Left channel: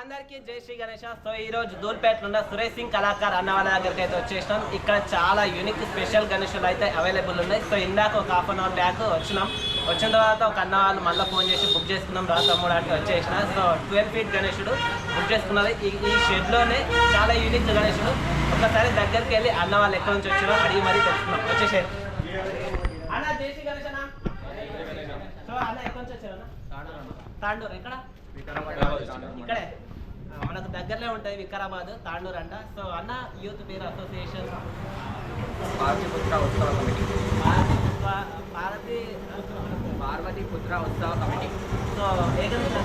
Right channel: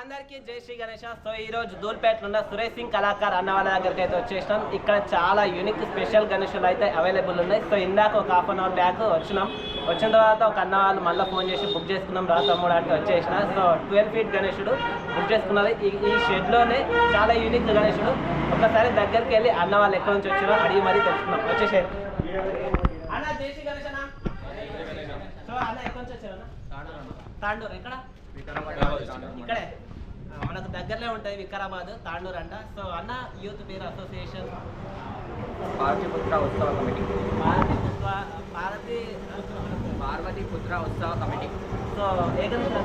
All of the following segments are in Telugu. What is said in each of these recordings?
అందరికీ జై శ్రీ గణేష. సో ఈ రోజు దూల్పేటలో ఉన్న సురేష్ సింగ్ కళాకార్ అన్న వాళ్ళ దగ్గరికి అయితే వచ్చేసినాం. ఇక్కడ చాలా యూనిక్ స్పెషల్ గణేషులు అయితే అవైలబుల్ ఉన్నాయి. సో ఇందాక ఒక హాఫ్ అన్ అవర్ బ్యాక్ వచ్చిన తర్వాత ఒక అన్న వాళ్ళు మళ్ళీ ఫోన్ చేసి బుక్ చేసుకున్నాం రా తమ్ముడానికి వచ్చేసిన. సో 12 ఫీట్ గణేషుడు బుక్ చేసుకున్నది. ఈ షెడ్లోనే చాలా యూనిక్ గణేషుడు. ఒకసారి దగ్గరికి వెళ్ళి అన్న వాళ్ళు ఎక్కడి నుంచి వచ్చారో అడిగి మరీ తెలుసుకున్నాం. వచ్చేసేది అన్న. జై శ్రీ గణేష్ అన్న. సో అన్న ఎక్కడి నుంచి వచ్చారన్న? తాండూరు. ఎక్కడ? ఇక్కడే మనకు దగ్గరలో ఉంటాయి. వికారాబాద్, తాండూరు అంట. సో అన్న యూత్ పేరు అసోసియేషన్ పార్వతీపుత్ర ఉత్సవ కమిటీ. పార్వతీపుత్ర ఉత్సవ కమిటీ. సో ఏ గణేష్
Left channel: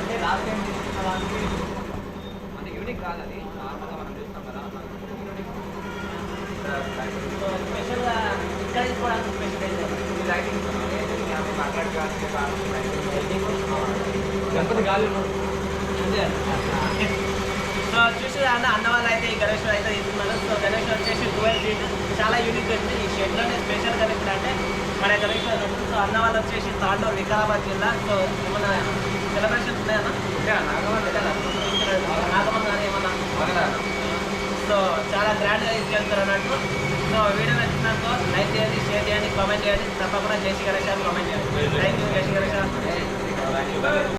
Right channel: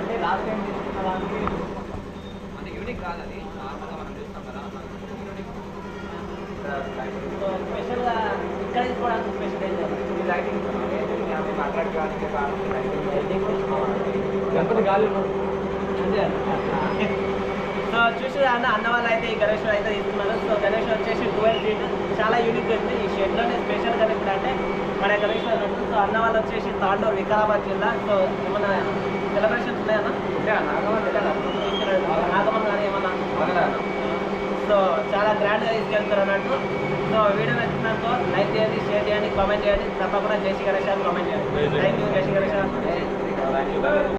అంటే లాస్ట్ టైం తీసుకున్న దానికి మన యూనిక్ కాదు అది. నార్మల్గా మనం చూస్తాం కదా. స్పెషల్గా ఇక్కడ తీసుకోవడానికి స్పెషల్ అయితే లైటింగ్ గణపతి గాలి. సో చూసి అన్న వాళ్ళు అయితే ఈ గణేష్ అయితే తీసుకున్నారు. సో గణేష్ వచ్చేసి 12 ఫీట్ చాలా యూనిక్ ఉంది. ఈ షెడ్లోనే స్పెషల్ గణేష్ అంటే మన గణేష్. సో అన్న వాళ్ళు వచ్చేసి తాండూరు, వికారాబాద్ జిల్లా. సో ఏమన్నా సెలబ్రేషన్స్ ఉన్నాయన్నా? నాగమన్ కానీ ఏమన్నా? సో చాలా గ్రాండ్గా తీసుకెళ్తారు అన్నట్టు. సో వీడియో నచ్చినాక లైక్ చేయండి, షేర్ చేయండి, కామెంట్ చేయండి. తప్పకుండా జై శ్రీ గణేష్ కామెంట్ చేయండి. Thank you. జై శ్రీ గణేష్.